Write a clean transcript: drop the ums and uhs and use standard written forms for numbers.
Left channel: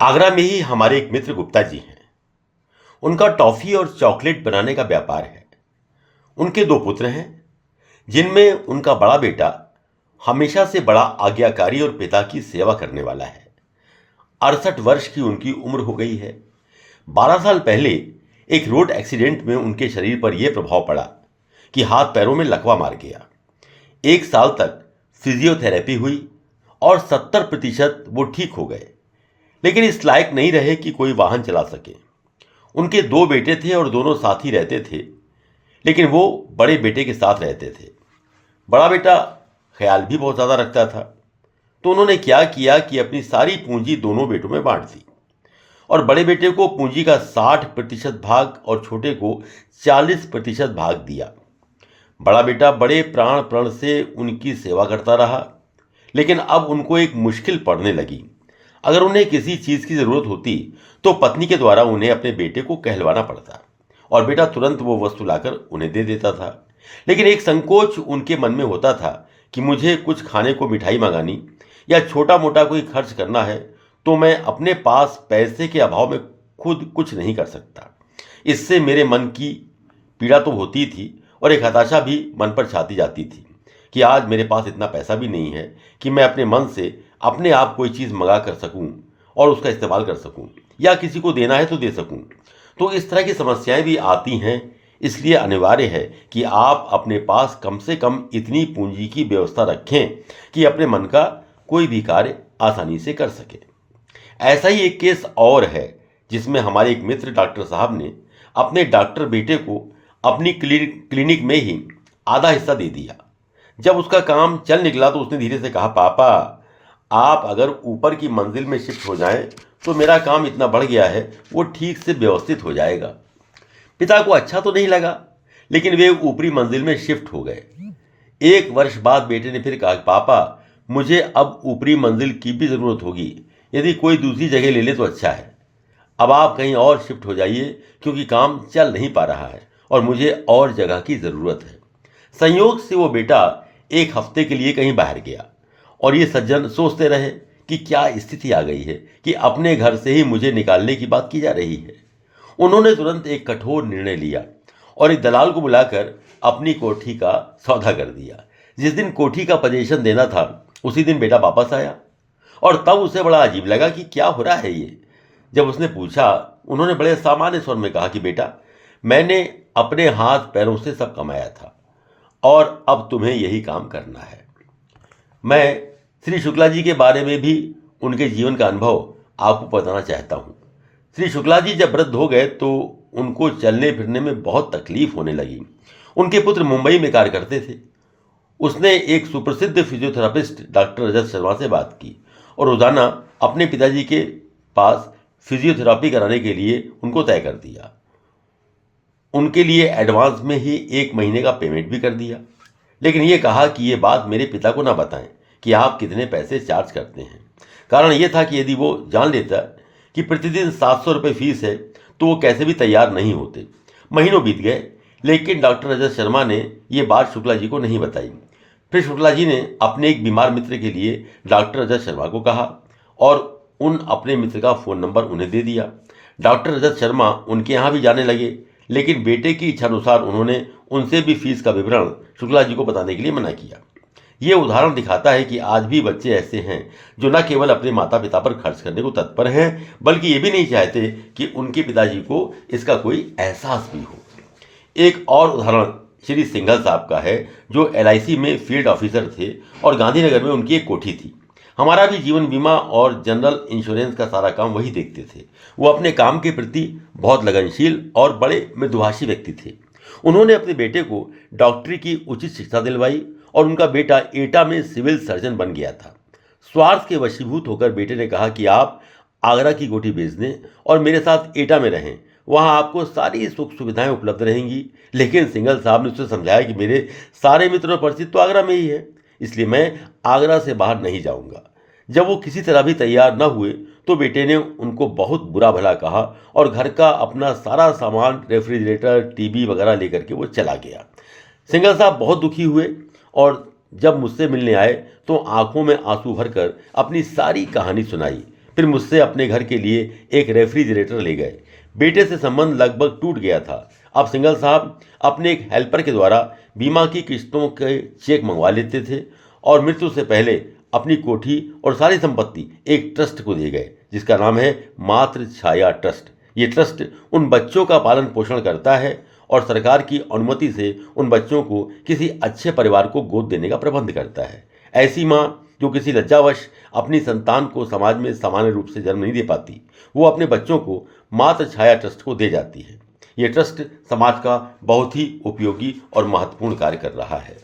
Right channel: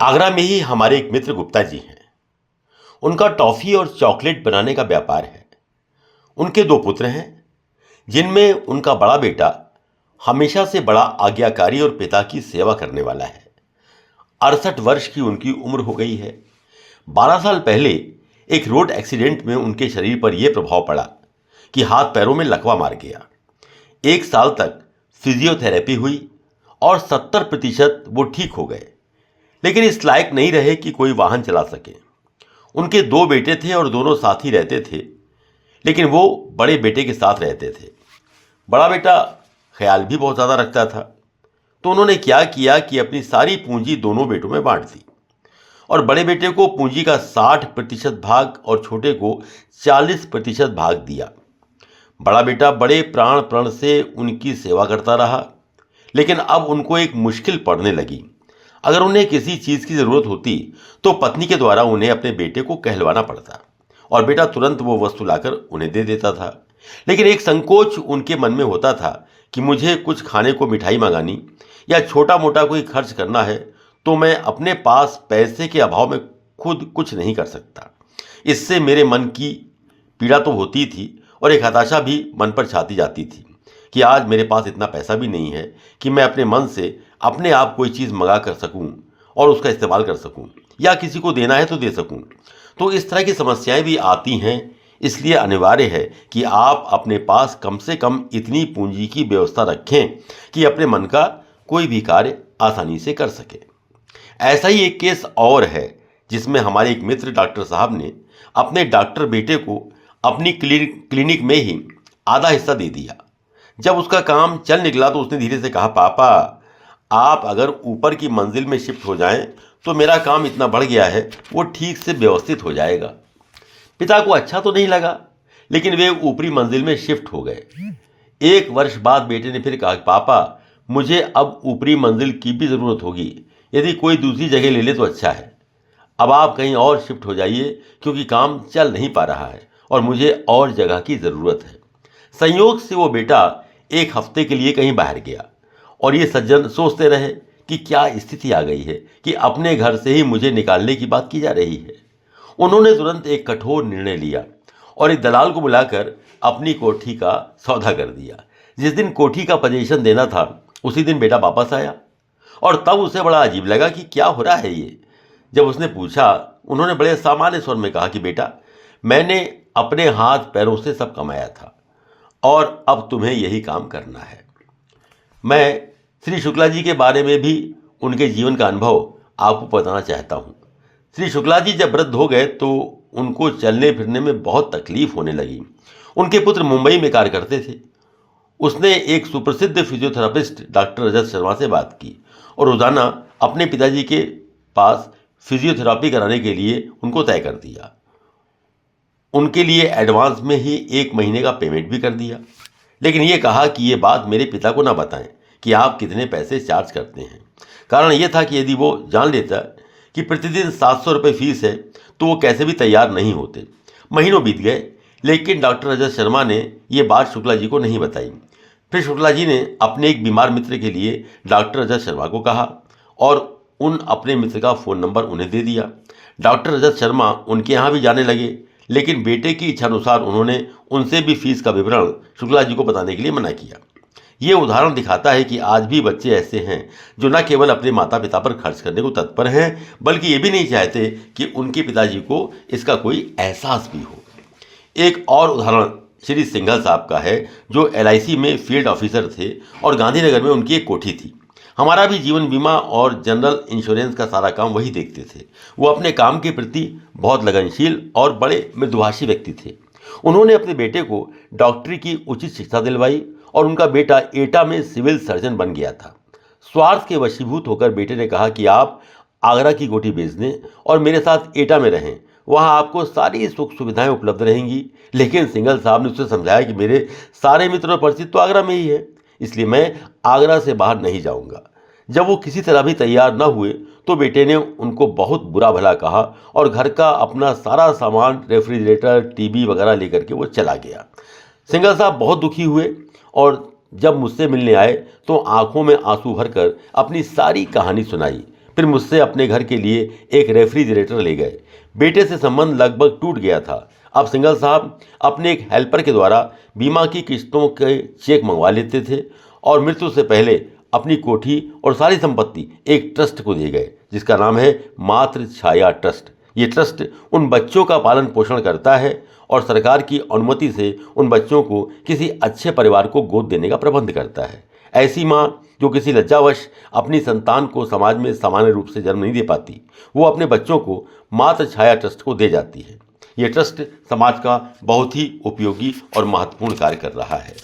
आगरा में ही हमारे एक मित्र गुप्ता जी हैं। उनका टॉफी और चॉकलेट बनाने का व्यापार है। उनके दो पुत्र हैं, जिनमें उनका बड़ा बेटा हमेशा से बड़ा आज्ञाकारी और पिता की सेवा करने वाला है। 68 वर्ष की उनकी उम्र हो गई है। 12 साल पहले एक रोड एक्सीडेंट में उनके शरीर पर यह प्रभाव पड़ा कि हाथ पैरों में लकवा मार गया। 1 साल तक फिजियोथेरेपी हुई और 70% वो ठीक हो गए, लेकिन इस लायक नहीं रहे कि कोई वाहन चला सके। उनके दो बेटे थे और दोनों साथ ही रहते थे, लेकिन वो बड़े बेटे के साथ रहते थे। बड़ा बेटा ख्याल भी बहुत ज़्यादा रखता था, तो उन्होंने क्या किया कि अपनी सारी पूंजी दोनों बेटों में बांट दी और बड़े बेटे को पूंजी का 60% भाग और छोटे को 40% भाग दिया। बड़ा बेटा बड़े प्राण प्रण से उनकी सेवा करता रहा, लेकिन अब उनको एक मुश्किल पड़ने लगी। अगर उन्हें किसी चीज़ की ज़रूरत होती तो पत्नी के द्वारा उन्हें अपने बेटे को कहलवाना पड़ता और बेटा तुरंत वो वस्तु लाकर उन्हें दे देता था। लेकिन एक संकोच उनके मन में होता था कि मुझे कुछ खाने को मिठाई मंगानी या छोटा मोटा कोई खर्च करना है तो मैं अपने पास पैसे के अभाव में खुद कुछ नहीं कर सकता। इससे मेरे मन की पीड़ा तो होती थी और एक हताशा भी मन पर छाती जाती थी कि आज मेरे पास इतना पैसा भी नहीं है कि मैं अपने मन से अपने आप कोई चीज़ मंगा कर सकूं और उसका इस्तेमाल कर सकूं या किसी को देना है तो दे सकूं। तो इस तरह की समस्याएं भी आती हैं। इसलिए अनिवार्य है कि आप अपने पास कम से कम इतनी पूंजी की व्यवस्था रखें कि अपने मन का कोई भी कार्य आसानी से कर सके। ऐसा ही एक केस और है, जिसमें हमारे एक मित्र डॉक्टर साहब ने अपने डॉक्टर बेटे को अपनी क्लिनिक में ही आधा हिस्सा दे दिया। जब उसका काम चल निकला तो उसने धीरे से कहा, पापा आप अगर ऊपर की मंजिल में शिफ्ट हो जाएं तो मेरा काम इतना बढ़ गया है वो ठीक से व्यवस्थित हो जाएगा। पिता को अच्छा तो नहीं लगा, लेकिन वे ऊपरी मंजिल में शिफ्ट हो गए। 1 वर्ष बाद बेटे ने फिर कहा, पापा मुझे अब ऊपरी मंजिल की भी ज़रूरत होगी, यदि कोई दूसरी जगह ले ले तो अच्छा है। अब आप कहीं और शिफ्ट हो जाइए क्योंकि काम चल नहीं पा रहा है और मुझे और जगह की ज़रूरत है। संयोग से वो बेटा 1 हफ्ते के लिए कहीं बाहर गया और ये सज्जन सोचते रहे कि क्या स्थिति आ गई है कि अपने घर से ही मुझे निकालने की बात की जा रही है। उन्होंने तुरंत एक कठोर निर्णय लिया और एक दलाल को बुलाकर अपनी कोठी का सौदा कर दिया। जिस दिन कोठी का पोजीशन देना था उसी दिन बेटा वापस आया और तब उसे बड़ा अजीब लगा कि क्या हो रहा है ये। जब उसने पूछा, उन्होंने बड़े सामान्य स्वर में कहा कि बेटा मैंने अपने हाथ पैरों से सब कमाया था और अब तुम्हें यही काम करना है। मैं श्री शुक्ला जी के बारे में भी उनके जीवन का अनुभव आपको बताना चाहता हूँ। श्री शुक्ला जी जब वृद्ध हो गए तो उनको चलने फिरने में बहुत तकलीफ होने लगी। उनके पुत्र मुंबई में कार्य करते थे। उसने एक सुप्रसिद्ध फिजियोथेरापिस्ट डॉक्टर रजत शर्मा से बात की और रोजाना अपने पिताजी के पास फिजियोथेरापी कराने के लिए उनको तय कर दिया। उनके लिए एडवांस में ही 1 महीने का पेमेंट भी कर दिया, लेकिन ये कहा कि ये बात मेरे पिता को ना बताएं कि आप कितने पैसे चार्ज करते हैं। कारण ये था कि यदि वो जान लेता कि प्रतिदिन 700 रुपये फीस है तो वो कैसे भी तैयार नहीं होते। महीनों बीत गए, लेकिन डॉक्टर रजत शर्मा ने ये बात शुक्ला जी को नहीं बताई। फिर शुक्ला जी ने अपने एक बीमार मित्र के लिए डॉक्टर रजत शर्मा को कहा और उन अपने मित्र का फ़ोन नंबर उन्हें दे दिया। डॉक्टर रजत शर्मा उनके यहाँ भी जाने लगे, लेकिन बेटे की इच्छानुसार उन्होंने उनसे भी फीस का विवरण शुक्ला जी को बताने के लिए मना किया। ये उदाहरण दिखाता है कि आज भी बच्चे ऐसे हैं जो न केवल अपने माता पिता पर खर्च करने को तत्पर हैं, बल्कि ये भी नहीं चाहते कि उनके पिताजी को इसका कोई एहसास भी हो। एक और उदाहरण श्री सिंघल साहब का है, जो LIC में फील्ड ऑफिसर थे और गांधीनगर में उनकी एक कोठी थी। हमारा भी जीवन बीमा और जनरल इंश्योरेंस का सारा काम वही देखते थे। वो अपने काम के प्रति बहुत लगनशील और बड़े मृदुभाषी व्यक्ति थे। उन्होंने अपने बेटे को डॉक्टरी की उचित शिक्षा दिलवाई और उनका बेटा एटा में सिविल सर्जन बन गया था। स्वार्थ के वशीभूत होकर बेटे ने कहा कि आप आगरा की कोठी बेच दें और मेरे साथ एटा में रहें, वहाँ आपको सारी सुख सुविधाएं उपलब्ध रहेंगी। लेकिन सिंघल साहब ने उसे समझाया कि मेरे सारे मित्र और परिचित तो आगरा में ही है, इसलिए मैं आगरा से बाहर नहीं जाऊंगा। जब वो किसी तरह भी तैयार न हुए तो बेटे ने उनको बहुत बुरा भला कहा और घर का अपना सारा सामान, रेफ्रिजरेटर, टीवी वगैरह लेकर के वो चला गया। सिंघल साहब बहुत दुखी हुए और जब मुझसे मिलने आए तो आंखों में आंसू भरकर अपनी सारी कहानी सुनाई। फिर मुझसे अपने घर के लिए एक रेफ्रिजरेटर ले गए। बेटे से संबंध लगभग टूट गया था। अब सिंघल साहब अपने एक हेल्पर के द्वारा बीमा की किस्तों के चेक मंगवा लेते थे और मृत्यु से पहले अपनी कोठी और सारी संपत्ति एक ट्रस्ट को दे गए, जिसका नाम है मातृ छाया ट्रस्ट। ये ट्रस्ट उन बच्चों का पालन पोषण करता है और सरकार की अनुमति से उन बच्चों को किसी अच्छे परिवार को गोद देने का प्रबंध करता है। ऐसी माँ जो किसी लज्जावश अपनी संतान को समाज में सामान्य रूप से जन्म नहीं दे पाती, वो अपने बच्चों को मातृ छाया ट्रस्ट को दे जाती है। ये ट्रस्ट समाज का बहुत ही उपयोगी और महत्वपूर्ण कार्य कर रहा है।